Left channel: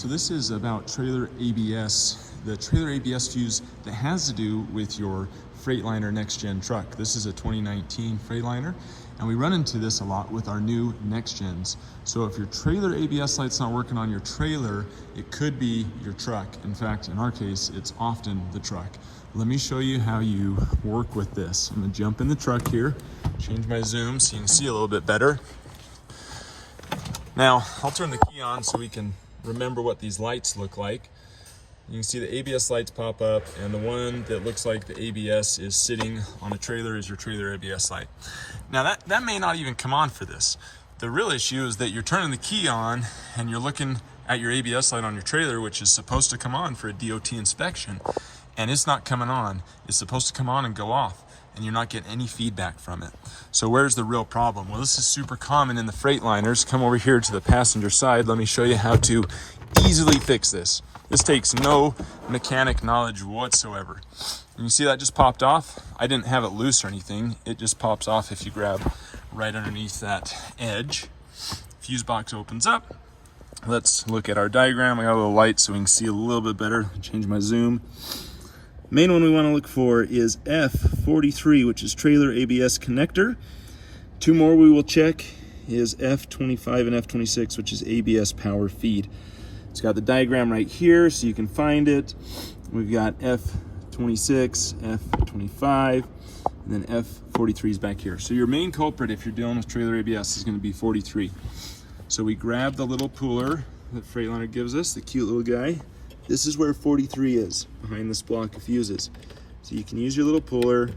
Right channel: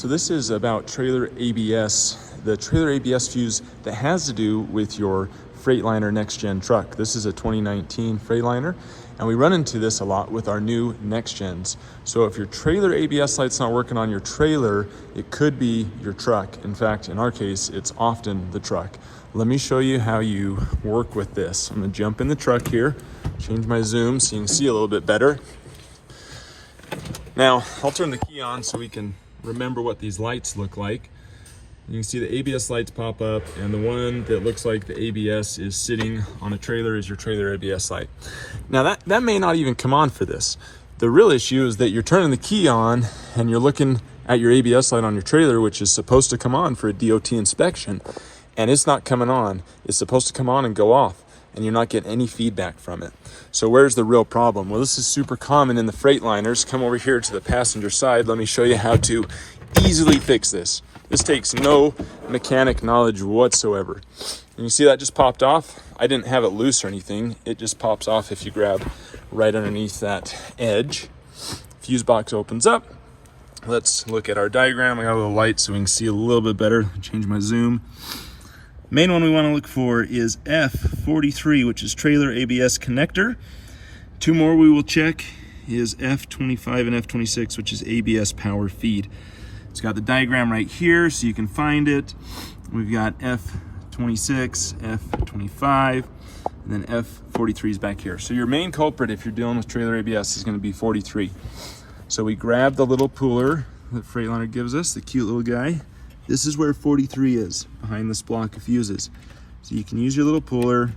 So this is about trailer ABS, the trailer ABS fuse that has to do with your Freightliner Next Gen truck. This is a 2019 Freightliner, and we run into this a lot with our new Next Gens. So if your trailer ABS light's not working on your trailer, it could be your truck. In fact, in our case, it's often the truck. Let me show you how you work with this. I'm gonna jump in the truck here, change my zoom so you can see a little bit better. Now, I'll turn the key on so we can remember what these lights look like. You can see the ABS lights pop up, and the one that looks like the ABS is sitting on a trailer is your trailer ABS light. Now that may not even come on for this. The real issue is that you're turning the key on and you're looking at your ABS light on your trailer, which is supposed to come on for a DOT inspection, and it's not coming on. It's supposed to come on and go off, and you're not getting any feedback from it. So where's the real problem? Well, this is super common in the Freightliners. Come over here to the passenger side. Let me show you how to easily fix this. This takes no mechanic knowledge whatsoever. And you see that just popped off? I didn't have it loose or anything. It just pops off if you grab right underneath that edge. Fuse box opens up. Let's look at our diagram. I got a little light so we can see a little bit better. Change my zoom. Main one we want to look for is F43, which is trailer ABS connector. Two more we will check is F25 and F26, which is ABS power feed. It's got the diagram right here so you can find it. We've got F26, F25, and then F43 is back here. So your main culprit if you're dealing with trailer ABS is going to be 43. So we grab the little puller that Freightliner gives us, the cute little guy. This is where 43 is, behind this block of fuses. So you can use your little puller,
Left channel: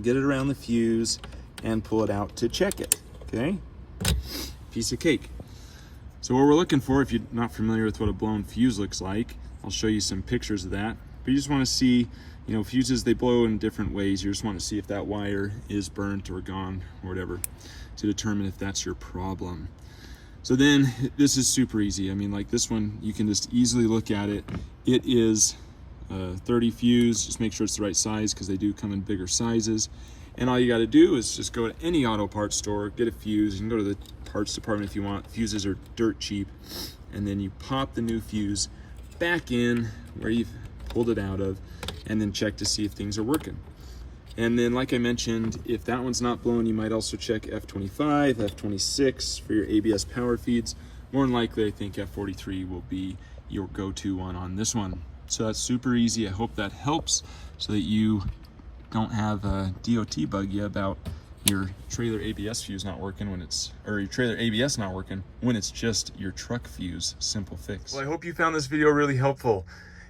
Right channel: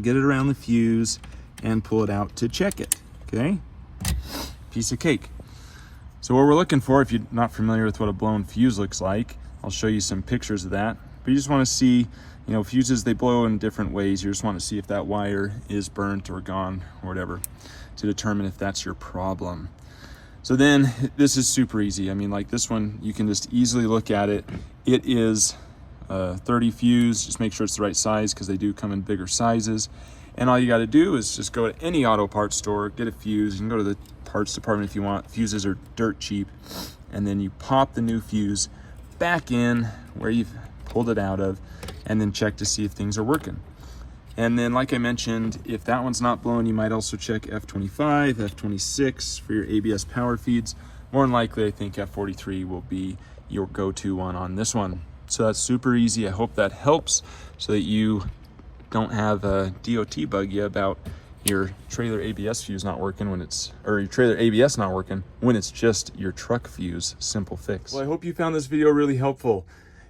get it around the fuse, and pull it out to check it, okay? Piece of cake. So what we're looking for, if you're not familiar with what a blown fuse looks like, I'll show you some pictures of that. But you just want to see, you know, fuses, they blow in different ways. You just want to see if that wire is burnt or gone or whatever to determine if that's your problem. So then this is super easy. I mean, like this one, you can just easily look at it. It is 30 fuse. Just make sure it's the right size because they do come in bigger sizes. And all you got to do is just go to any auto parts store, get a fuse. You can go to the parts department if you want. Fuses are dirt cheap. And then you pop the new fuse back in where you've pulled it out of, and then check to see if things are working. And then, like I mentioned, if that one's not blown, you might also check F25, F26 for your ABS power feeds. More than likely, I think F43 will be your go-to one on this one. So that's super easy. I hope that helps so that you don't have a DOT bug you about your trailer ABS fuse not working when it's, or your trailer ABS not working when it's just your truck fuse. Simple fix. Well, I hope you found this video really helpful.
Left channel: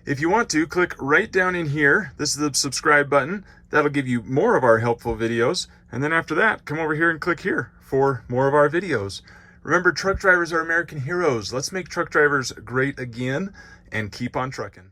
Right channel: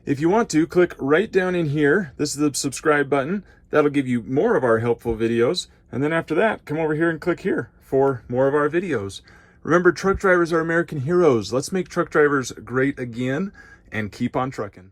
If you want to, click right down in here. This is the subscribe button. That'll give you more of our helpful videos. And then after that, come over here and click here for more of our videos. Remember, truck drivers are American heroes. Let's make truck drivers great again and keep on trucking.